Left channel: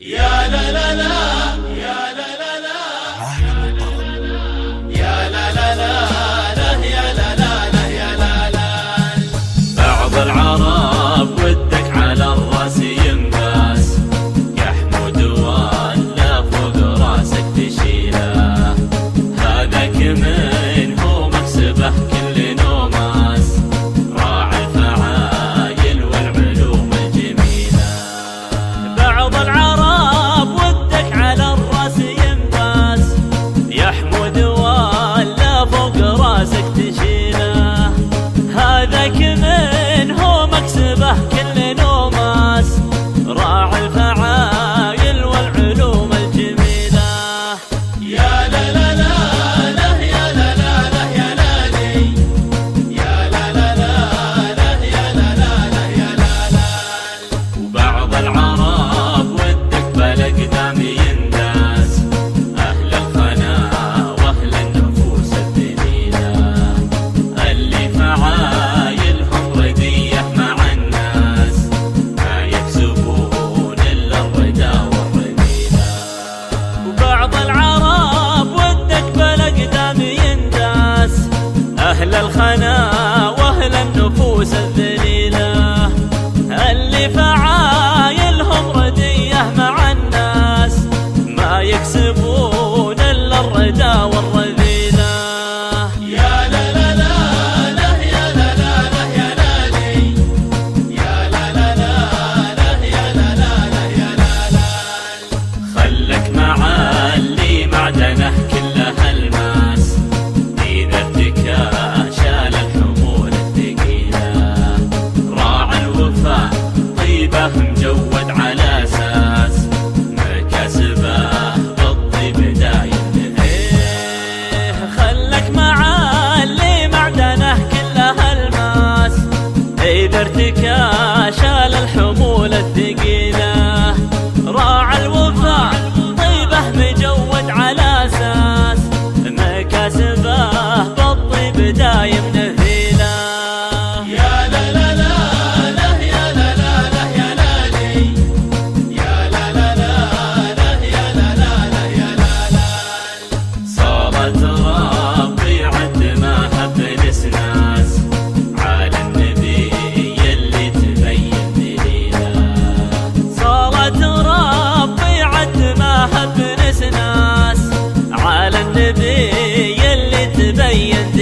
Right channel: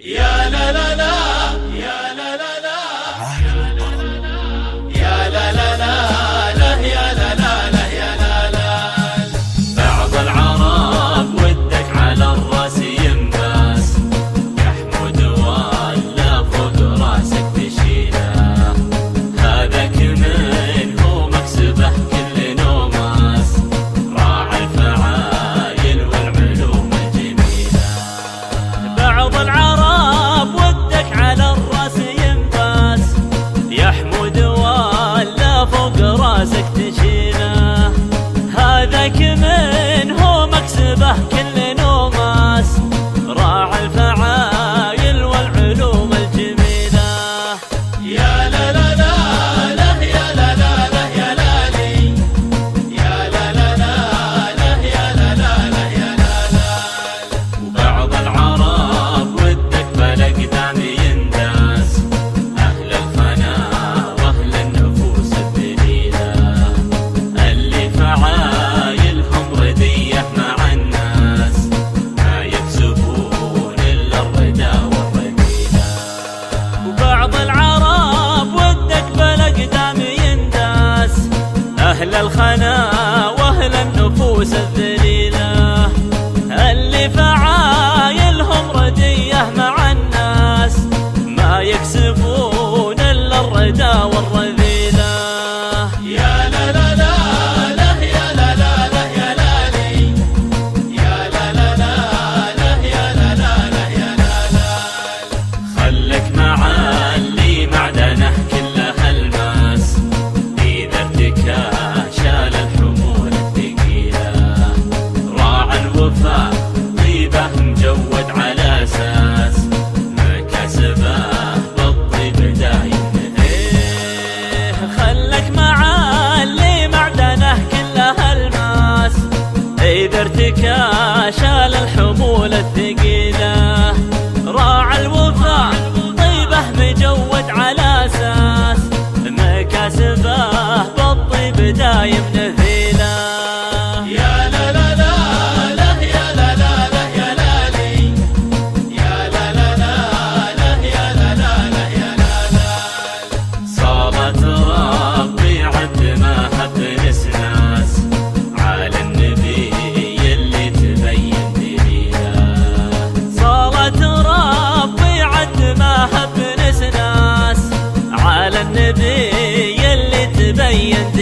يا لا لا لا يا لا لا لا عالم الطرب. يا لا لا لا لا يا لا لا لا يا لا لا. بعض العرب ودك على الراس ينباس، يا حمود ولا فوق راسك تشيله، هذاك من هو مكسبه كل نوماس، راعي الفعايل والعلوم الجميله. بعض العرب ودك على الراس ينباس، يا حمود ولا فوق راسك تشيله، هذاك من هو مكسبه كل نوماس، راعي الفعايل والعلوم الجميله. يا لا لا لا لا يا لا لا لا يا لالي، يا لا لا لا لا يا لا لا لا يا لا لا. وبعض العرب ودك بالاقدام ينداس، اهل الخنا واهل النفوس الذليله، اللي فعايلهم رديه مع الناس، ما يكسبون الا الردى والرذيله. وبعض العرب ودك بالاقدام ينداس، اهل الخنا واهل النفوس الذليله، اللي فعايلهم رديه مع الناس، ما يكسبون الا الردى والرذيله. يا لا لا لا لا يا لا لا لا يا لالي، يا لا لا لا لا يا لا لا لا يا لا لا. خلك مع اللي معدنه كلها الماس، اذا ارتكى شال الحمول الثقيله، راعى الوفاء طيبه مجود على اساس، مكاسبه بالطيب دايم. خلك مع اللي معدنه كلها الماس، اذا ارتكى شال الحمول الثقيله، راعى الوفاء طيبه مجود على اساس، مكاسبه بالطيب دايم نذيله. يا لا لا لا لا يا لا لا لا يا لالي، يا لا لا لا لا يا لا لا لا يا لا لا. صارت ربي عد ما هب نسناس، على النبي اللي تبين دليله، صارت ربي عد ما هب نسناس، على النبي اللي تبين